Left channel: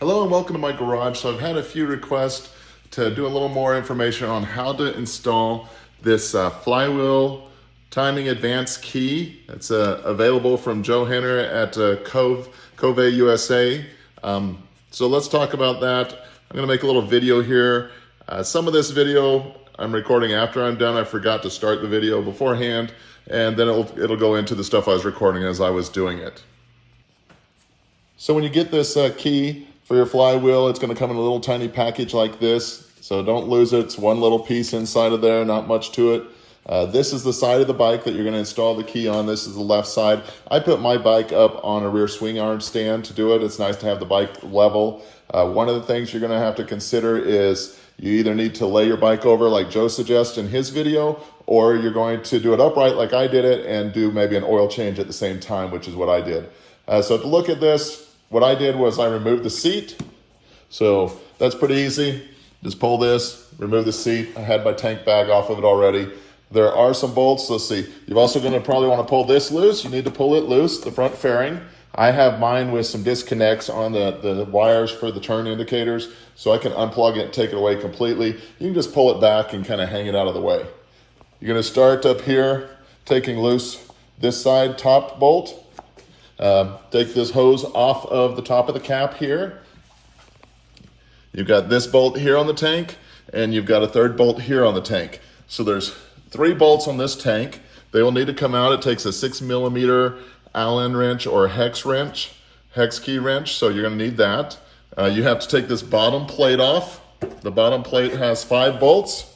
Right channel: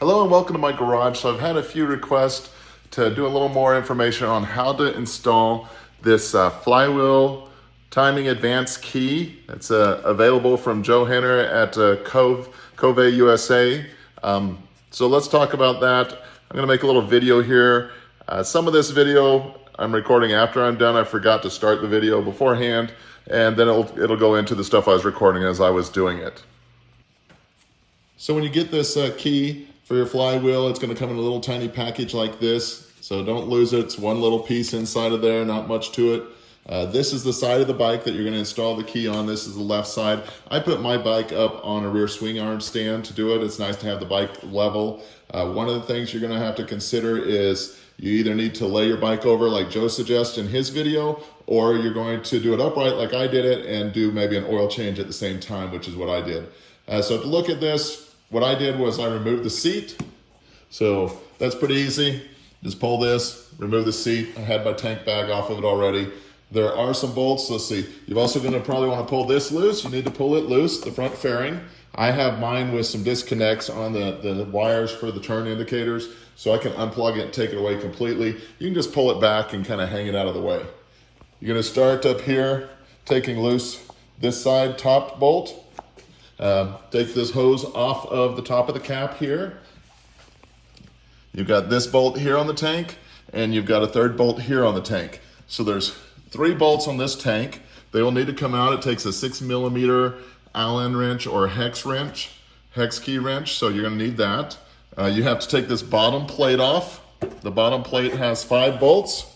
Hello and welcome to my garage. So I've had a few requests to do a little more information on how to install this flywheel timing advanced key. It's available from Joe Henner at Kove USA. So let's talk about that. I'm gonna make a little video here. Some of this video I'm recording after I'm done. I forgot to start the video beforehand, and then it'll go into the stuff I was recording as I was doing it. So when you get this key for your flywheel, it's going to come in a little tiny package like this. So don't lose it. It's one little piece inside of there, not much to it. This is the side of the bike that you're going to install the key on. This is the left side. I put my bike up on a rear swing arm stand to do it. It's nice to have the bike level. One of the things you're going to have to consider is you either need to lay your bike over like Joe suggests in his video, or you're going to do it upright like I did it and do maybe an oil change at the same time, which is what I did. So to look at this, what I did was I removed the seat. So that's pretty easy. Just pull this, remove the seat. I had my tank bag off of it already. There are some bolts. Let's see. You're also going to probably want to pull this loose. You need to pull it loose, the front fairing. I have mine with some disconnects on the wires for the turn indicators, so I can unplug it and take it away completely. You can just pull it back and kind of hang it out of the way. You're going to start up here, taking loose this side top bolt. Take this hose off of the top of the cap here. You've got this bolt here on the tank, and you've got a third bolt here on the tank. So there's 3 bolts on this tank. They will need to come out. It takes a 6mm Allen wrench or hex key wrench, so you're gonna need that. You have to take this bottom plate off. The bottom plate has 5 bolts.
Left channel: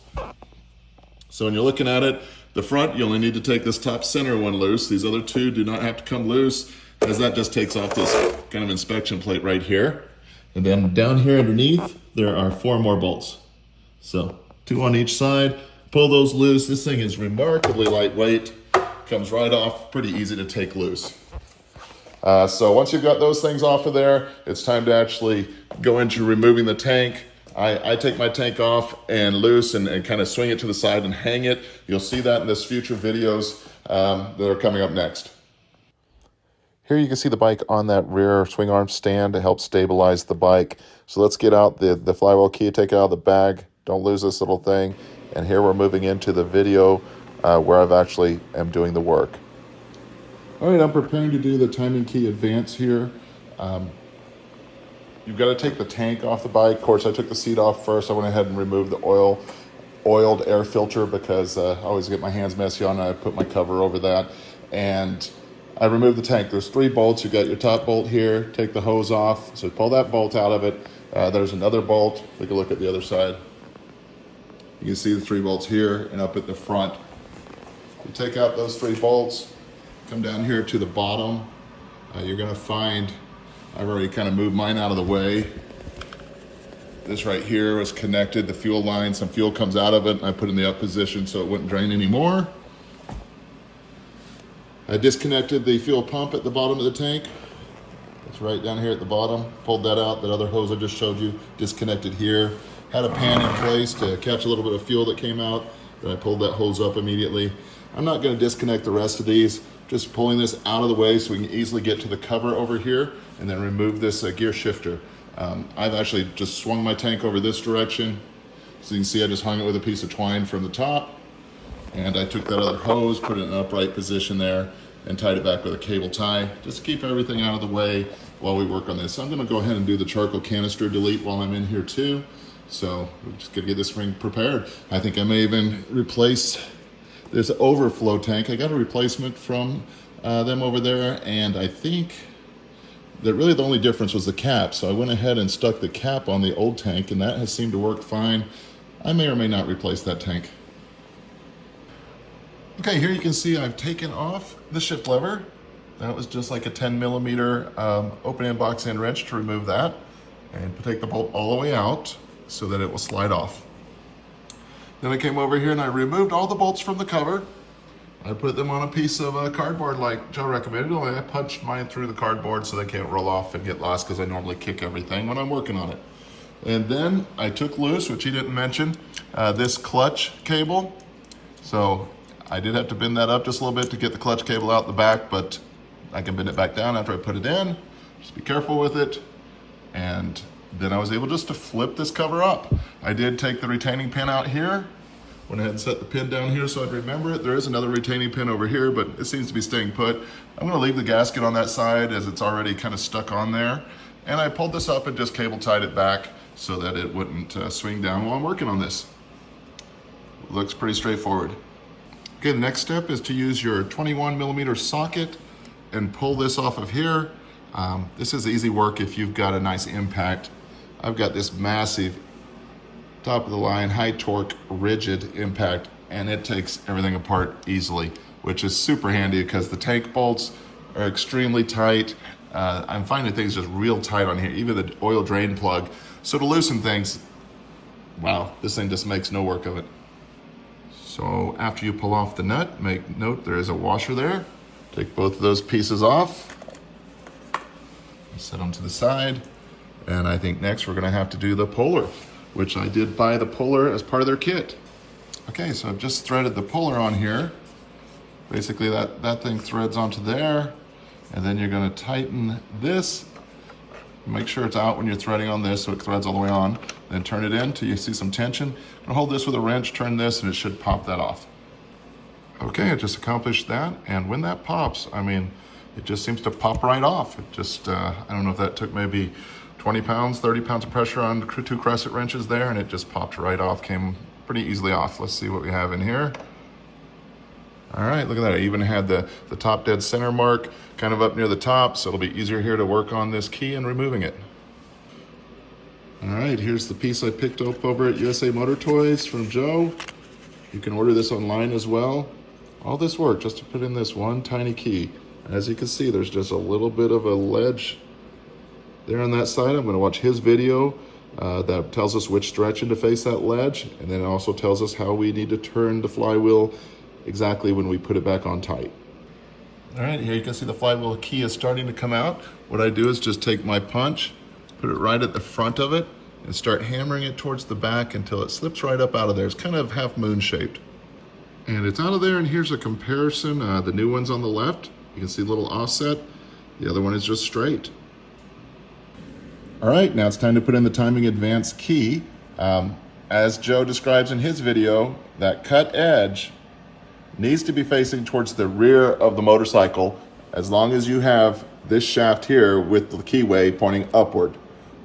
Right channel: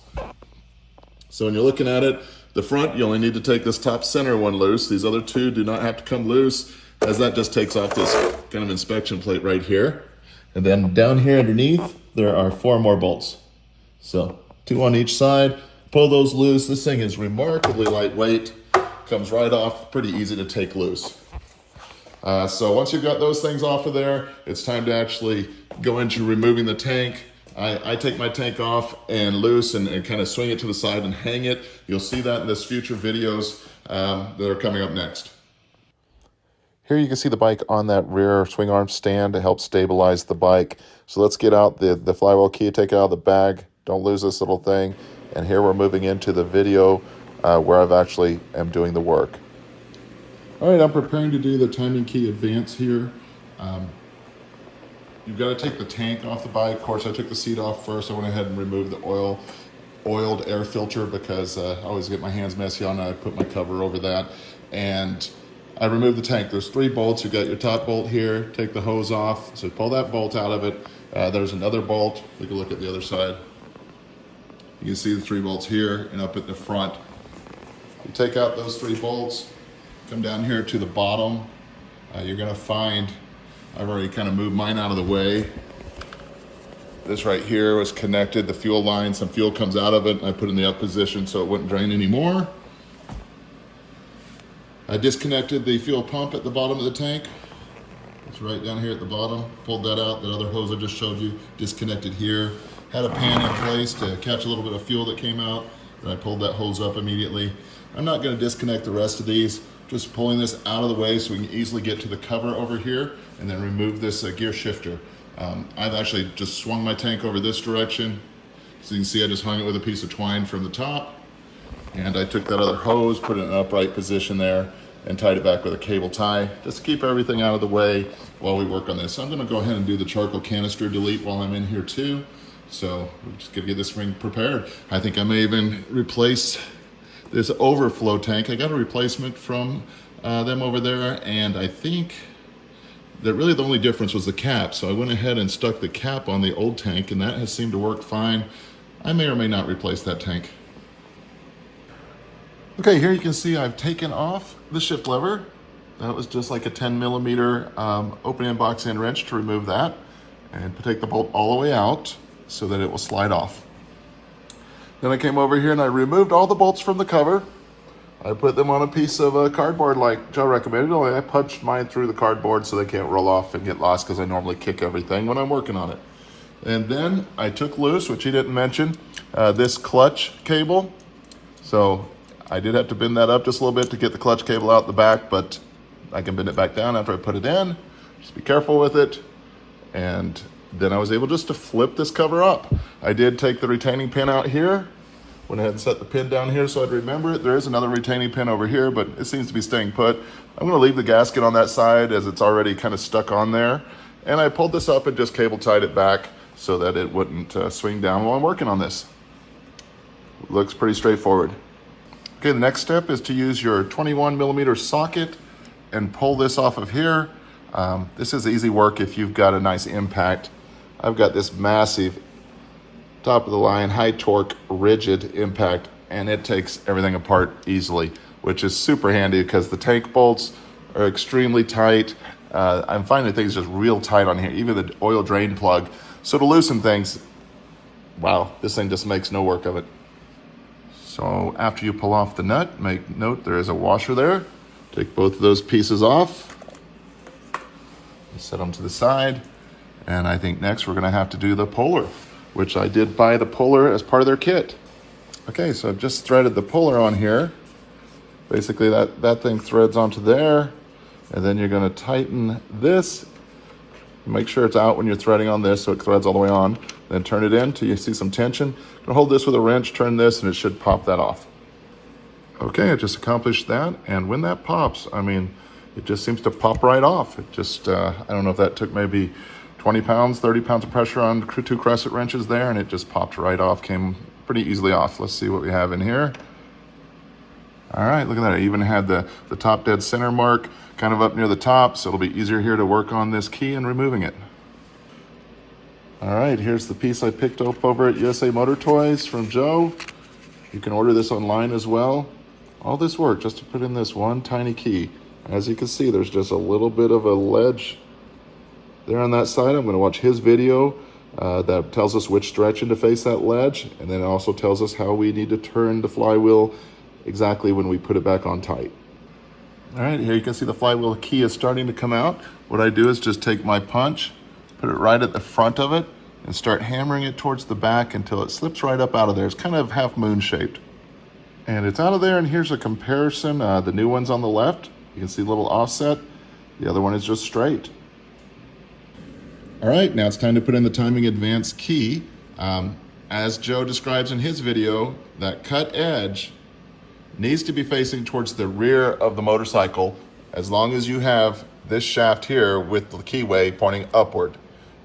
So when you're looking at it, the front, you only need to take this top center one loose. These other 2 do not have to come loose, as that just takes off this kind of inspection plate right here. And then down here underneath, there are 4 more bolts. So 2 on each side, pull those loose. This thing is remarkably lightweight, comes right off, pretty easy to take loose. So once you've got those things off of there, it's time to actually go into removing the tank. I take my tank off and loose and kind of swing it to the side and hang it. You'll see that in this future videos that are coming up next. Here you can see the bike on that rear swing arm stand to help stabilize the bike. So let's get out the flywheel key, take it out of the bag. Don't lose this little thing. And here we're moving into the video where I've actually am doing the work. All right, I'm preparing to do the timing key advance here. You've got to take the tank off the bike. Of course, I took the seat off first. I went ahead and removed the oiled air filter because I always get my hands messy on it. I put my cover over that. And I removed the tank. There's 3 bolts. You've got your top bolt here. Take the hose off. So pull that bolt out of it. There's another bolt. Take a look at the other side. You can see the 3 bolts here and up at the front. You take out those 3 bolts, come down here to the bottom. You're gonna find, I've already kind of moved mine out of the way. This right here was connected, the fuel line, some fuel comes out of it, and I put it in the up position so it wouldn't drain anymore. I disconnected the fuel pump at the bottom of the tank. It's right down here at the bottom. Pulled that out, that other hose I just showed you, disconnected here. Had a pan in place to catch a little bit of fuel that came out. Then I pulled that hose up immediately. I'm not gonna disconnect the rest of these, just pulling this out of the way so we can easily get to the cover over here and then remove this gear shifter. I've actually just swung my tank over this direction. So you can see I just hung it with a piece of twine from the top. And I took that other hose, put it in an upright position there, and tied it back with a cable tie, just to keep everything out of the way while we work on this. I'm gonna go ahead and do the charcoal canister delete while I'm in here too. So we're just gonna get this ring prepared. I think I may even replace this overflow tank. I got a replacement from them over there, and I think that really the only difference was the cap. So I went ahead and stuck the cap on the old tank, and that has seemed to work fine. I may or may not replace that tank. Okay, here you can see I've taken off the shift lever. That was just like a 10mm open end box end wrench to remove that, and to take the bolt all the way out so that it will slide off. Then I came over here and I removed all the bolts from the cover. I put them on a piece of cardboard like Joe recommended, only I punched mine through the cardboard so they can't roll off and get lost, because I normally kick everything when I'm working on it. And then I took loose, which he didn't mention, this clutch cable. So I did have to bend that up just a little bit to get the clutch cable out the back, but I can bend it back down after I put it in. Just be careful with it. And then I was able just to flip this cover up. I did take the retaining pin out here, went ahead and set the pin down here so I'd remember it. There is another retaining pin over here, but it seems to be staying put. I'm gonna leave the gasket on that side as it's already kind of stuck on there. And I pulled this up and just cable tied it back so that it wouldn't swing down while I'm working on this. Looks pretty straightforward. Okay, the next step is to use your 21mm socket and pull this off of here. This is easy work if you've got a nice impact. I've got this massive top of the line, high torque, rigid impact, and it takes everything apart easily, which is super handy because the tank bolts are extremely tight. I'm finding things just real tight on here, even the oil drain plug. So to loosen things, wow, this thing just makes no work of it. So after you pull off the nut, make note there is a washer there. Take both of those pieces off, set them to the side. And I think next we're gonna have to do the puller, which I did buy the puller as part of their kit. Okay, so I've just threaded the puller on here. Basically that thing threads onto there, and then you're gonna tighten this. Make sure it's out when you're threading on this so it threads all the way on. Then turn it in till you see some tension. And hold this with a wrench, turn this, and it should pop that off. Okay, I just accomplished that, and when that pops, I mean, it just seems to pop right off. It just, I don't know if that took maybe 20 pounds, 30 pounds of pressure on 2 crescent wrenches there, and it just popped right off, came pretty easily off. Let's see what we have in here. All right, look at that. I even had the top dead center mark kind of up near the top, so it'll be easier here to work on this key and removing it. All right, here's the piece I picked up over at USA Motor Toys from Joe. You can order this online as well. All this work just to put in this one tiny key. As you can see, there's just a little bit of a ledge there on that side. I'm gonna watch his video that tells us which direction to face that ledge, and then it also tells us how we need to turn the flywheel exactly when we put it back on tight. All right, here you can see the flywheel key is starting to come out. What I do is just take my punch, put it right at the front of it, and start hammering it towards the back until it slips right up out of there. It's kind of half moon shaped. And it's out of there, and here's a comparison. The new one's on the left. You can see a little offset. The other one is just straight. All right, now it's time to put in the timing advance key. As Joe describes in his video, that cut edge needs to be facing towards the rear of the motorcycle as long as you have this shaft here with the keyway pointing upward.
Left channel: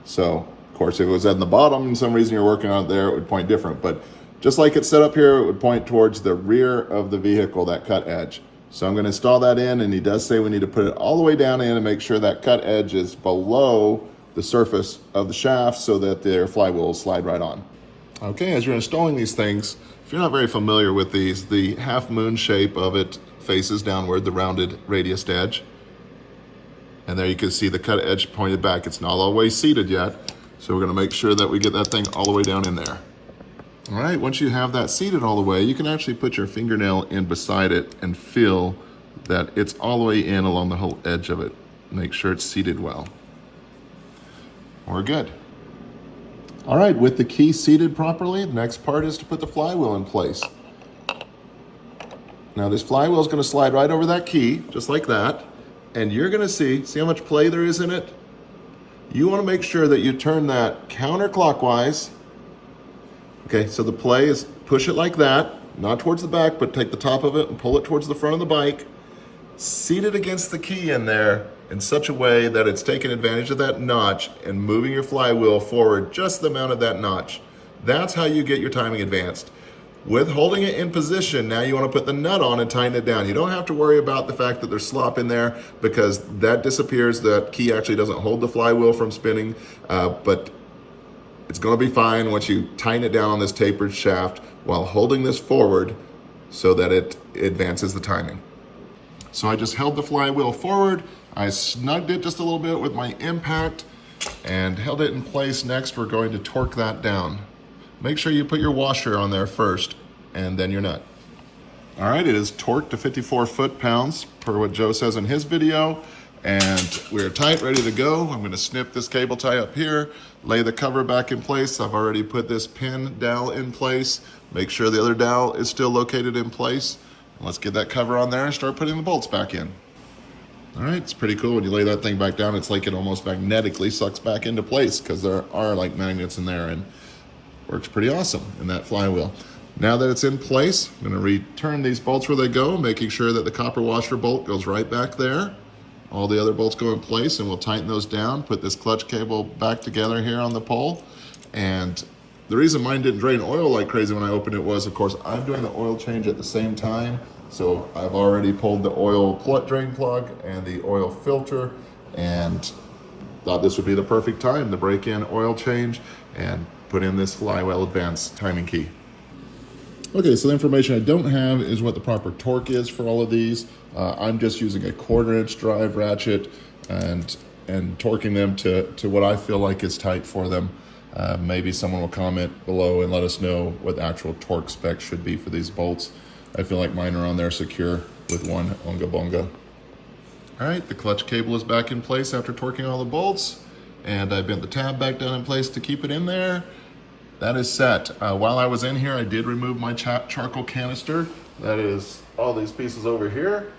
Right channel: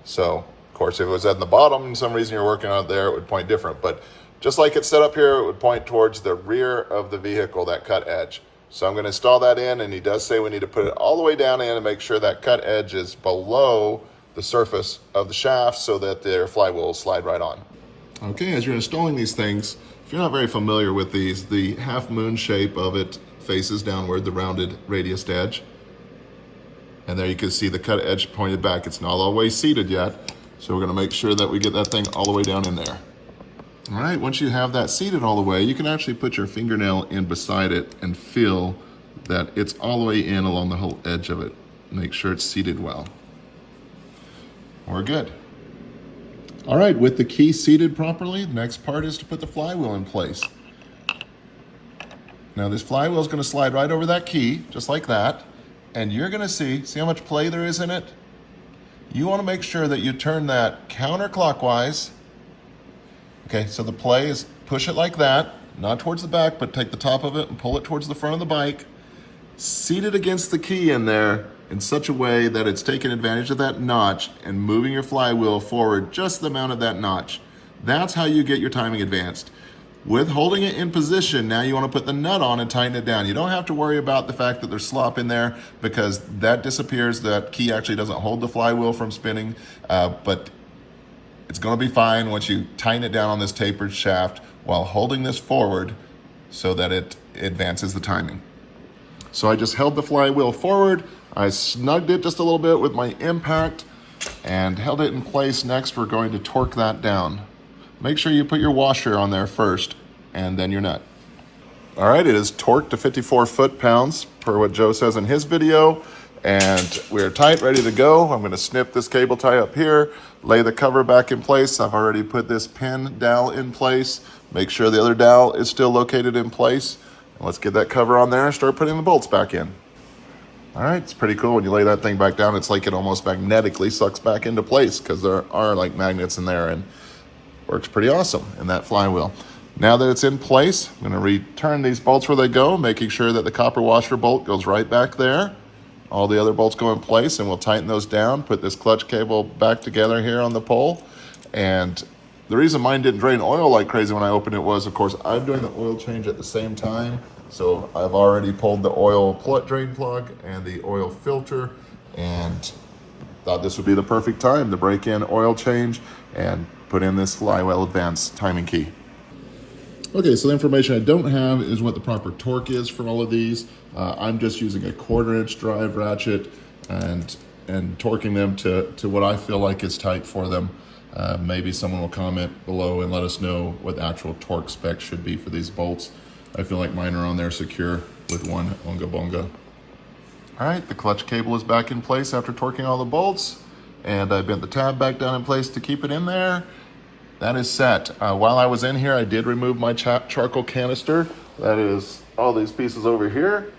So, of course, if it was at the bottom and some reason you're working on it there, it would point different. But just like it's set up here, it would point towards the rear of the vehicle, that cut edge. So I'm gonna install that in, and he does say we need to put it all the way down in and make sure that cut edge is below the surface of the shaft so that their flywheel will slide right on. Okay, as you're installing these things, if you're not very familiar with these, the half moon shape of it faces downward, the rounded radius edge. And there you can see the cut edge pointed back. It's not all the way seated yet, so we're gonna make sure that we get that thing all the way down in there. All right, once you have that seated all the way, you can actually put your fingernail in beside it and feel that it's all the way in along the whole edge of it. Make sure it's seated well. We're good. All right, with the key seated properly, the next part is to put the flywheel in place. Now this flywheel is gonna slide right over that key, just like that, and you're gonna see how much play there is in it? You wanna make sure that you turn that counterclockwise. Okay, so the play is push it like that, not towards the back, but take the top of it and pull it towards the front of the bike. Seat it against the key in there in such a way that it's taking advantage of that notch and moving your flywheel forward just the amount of that notch. That's how you get your timing advanced. With holding it in position, now you want to put the nut on and tighten it down. You don't have to worry about the fact that there's slop in there because that disappears. That key actually doesn't hold the flywheel from spinning, but it's going to be fine once you tighten it down on this tapered shaft while holding this forward so that it advances the timing. So I just held the flywheel forward. I snugged it just a little bit with my impact and held it in place. Next, we're going to torque that down. Make sure you put your washer on there first and then your nut. All right, it is torqued to 54 foot-pounds per what Joe says in his video. And we're tight, ready to go. I'm gonna snip this cable tie up here, lay the cover back in place. I've already put this pin dowel in place. Make sure the other dowel is still located in place. Let's get that cover on there and start putting the bolts back in. All right, it's pretty cool. When you lay that thing back down, it's like it almost magnetically sucks back into place because there are like magnets in there, and works pretty awesome in that flywheel. Now that it's in place, I'm gonna return these bolts where they go, making sure that the copper washer bolt goes right back there. All the other bolts go in place, and we'll tighten those down, put this clutch cable back together here on the pole. And the reason mine didn't drain oil like crazy when I opened it was, of course, I'm doing the oil change at the same time. So I've already pulled the oil drain plug and the oil filter, and thought this would be the perfect time to break in oil change and put in this flywheel advanced timing key. Okay, so the information I don't have is what the proper torque is for all of these. I'm just using a 1/4-inch drive ratchet and torquing them to what I feel like is tight for them. Maybe someone will comment below and let us know what the actual torque specs should be for these bolts. I feel like mine are on there secure with one onga bonga. All right, the clutch cable is back in place after torquing all the bolts, and I bent the tab back down in place to keep it in there. That is set. While I was in here, I did remove my charcoal canister. That is all these pieces over here.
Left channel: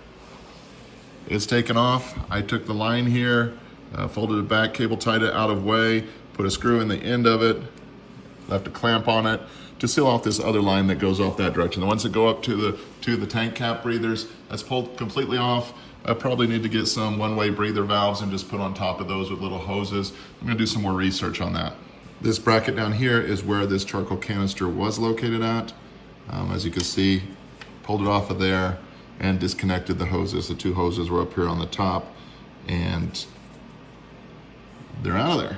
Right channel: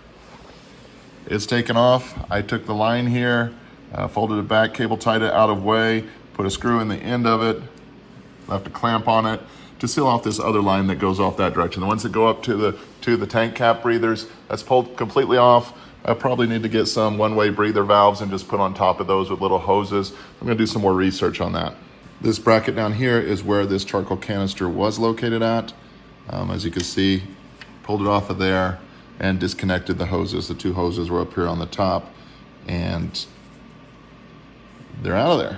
It's taken off. I took the line here, folded it back, cable tied it out of way, put a screw in the end of it, left a clamp on it to seal off this other line that goes off that direction. The ones that go up to the tank cap breathers, that's pulled completely off. I probably need to get some one-way breather valves and just put on top of those with little hoses. I'm gonna do some more research on that. This bracket down here is where this charcoal canister was located at. As you can see, pulled it off of there and disconnected the hoses. The two hoses were up here on the top, and they're out of there.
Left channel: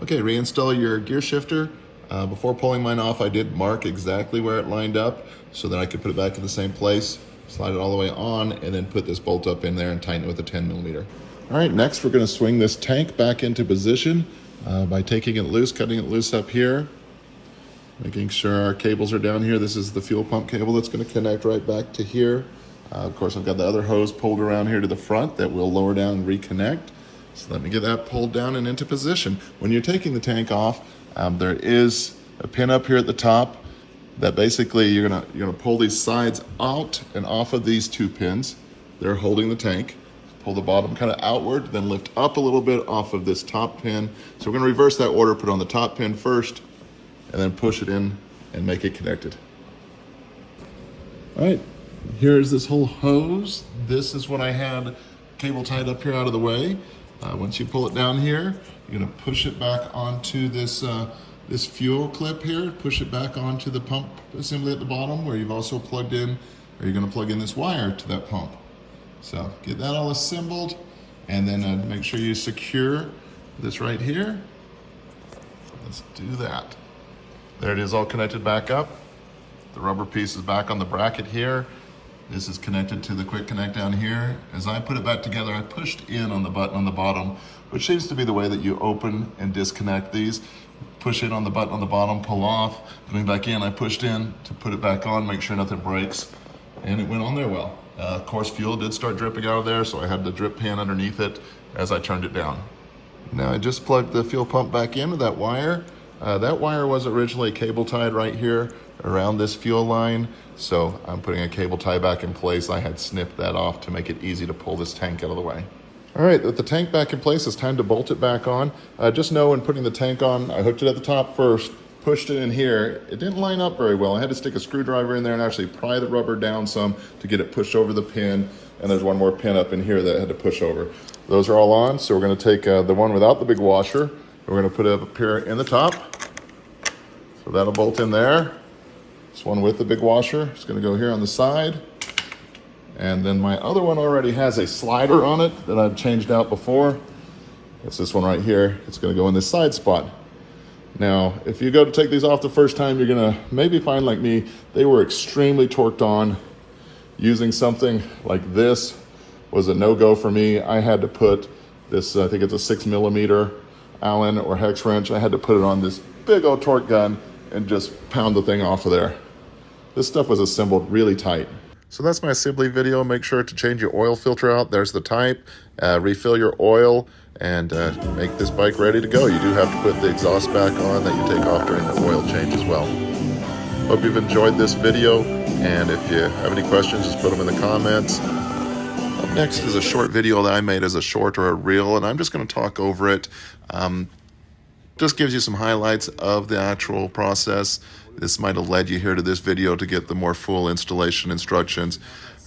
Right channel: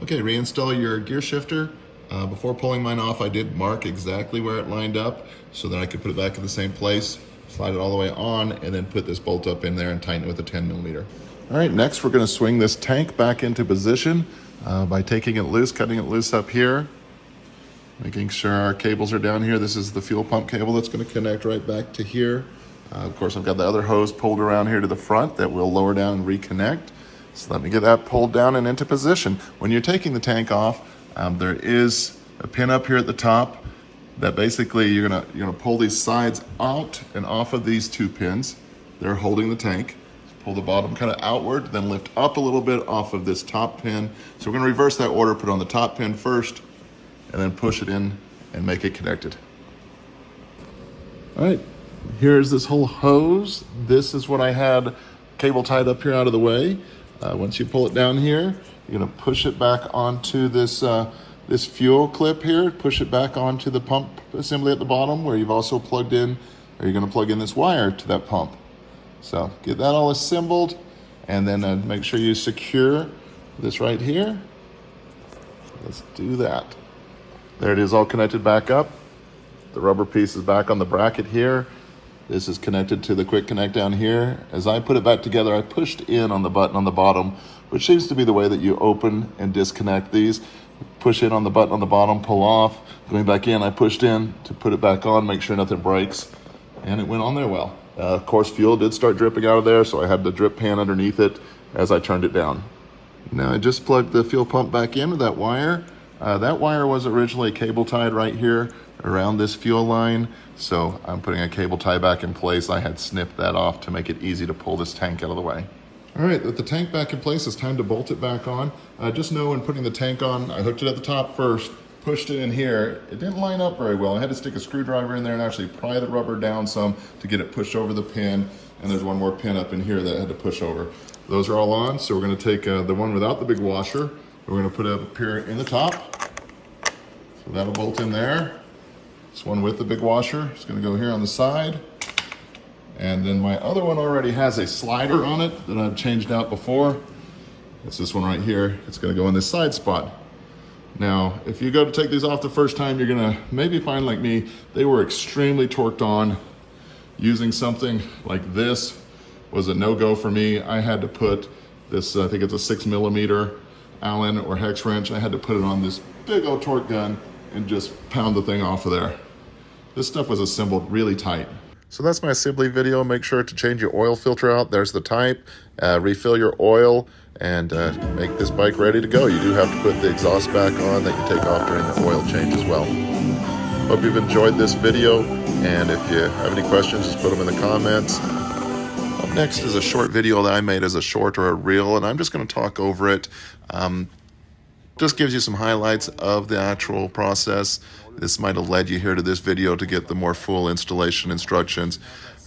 Okay, reinstall your gear shifter. Before pulling mine off, I did mark exactly where it lined up so that I could put it back in the same place, slide it all the way on, and then put this bolt up in there and tighten it with a 10mm. All right, next we're gonna swing this tank back into position by taking it loose, cutting it loose up here, making sure our cables are down here. This is the fuel pump cable that's gonna connect right back to here. Of course, I've got the other hose pulled around here to the front that will lower down and reconnect. So let me get that pulled down and into position. When you're taking the tank off, there is a pin up here at the top that basically you're gonna pull these sides out and off of these two pins. They're holding the tank. Pull the bottom kind of outward, then lift up a little bit off of this top pin. So we're gonna reverse that order, put on the top pin first, and then push it in and make it connected. All right, here's this whole hose. This is what I had cable tied up here out of the way. Once you pull it down here, you're gonna push it back onto this this fuel clip here, push it back onto the pump assembly at the bottom where you've also plugged in, or you're gonna plug in this wire to that pump. So get that all assembled, and then make sure you secure this right here. Let's do that. There it is, all connected back up. The rubber piece is back on the bracket here. This is connected to the quick connect down here. As I put it back together, I pushed in on the button on the bottom, which seems to be the way that you open and disconnect these. Push in on the button on the bottom, pull off. Going back in, I pushed in to put it back on, make sure nothing breaks, and it went on there well. Of course, fuel did start dripping out of there, so I had the drip pan underneath it as I turned it down. Now I just plugged the fuel pump back in with that wire. That wire was originally cable tied right here around this fuel line, so I'm putting a cable tie back in place. I had snipped that off to make it easy to pull this tank out of the way. All right, with the tank back in place, it's time to bolt it back on. Just know when putting the tank on, I hooked it at the top first, pushed it in here. It didn't line up very well. I had to stick a screwdriver in there and actually pry the rubber down some to get it pushed over the pin. And there's one more pin up in here that I had to push over. Those are all on, so we're gonna take the one without the big washer. We're gonna put it up here in the top. So that'll bolt in there. This one with the big washer is gonna go here on the side. And then my other one already has a slider on it that I've changed out before. It's this one right here. It's gonna go in this side spot. Now, if you go to take these off the first time, you're gonna maybe find like me, they were extremely torqued on. Using something like this was a no-go for me. I had to put this, I think it's a 6mm Allen or hex wrench. I had to put it on this big old torque gun and just pound the thing off of there. This stuff was assembled really tight. So that's my assembly video. Make sure to change your oil filter out. There's the type. Refill your oil and make this bike ready to go. You do have to put the exhaust back on that you take off during the oil change as well. Hope you've enjoyed this video, and if you have any questions, just put them in the comments. Next is a short video that I made as a short or a reel, and I'm just going to talk over it. Just gives you some highlights of the actual process. This might have led you here to this video to get the more full installation instructions.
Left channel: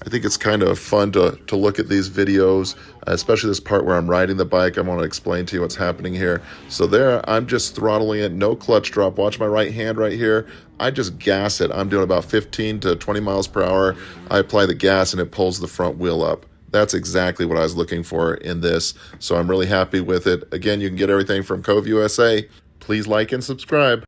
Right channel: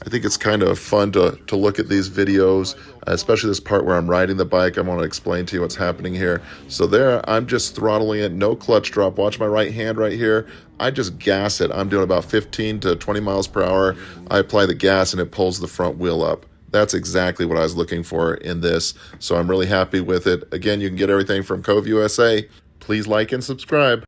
I think it's kind of fun to look at these videos, especially this part where I'm riding the bike. I want to explain to you what's happening here. So there, I'm just throttling it, no clutch drop. Watch my right hand right here. I just gas it. I'm doing about 15 to 20 miles per hour. I apply the gas and it pulls the front wheel up. That's exactly what I was looking for in this. So I'm really happy with it. Again, you can get everything from Kove USA. Please like and subscribe.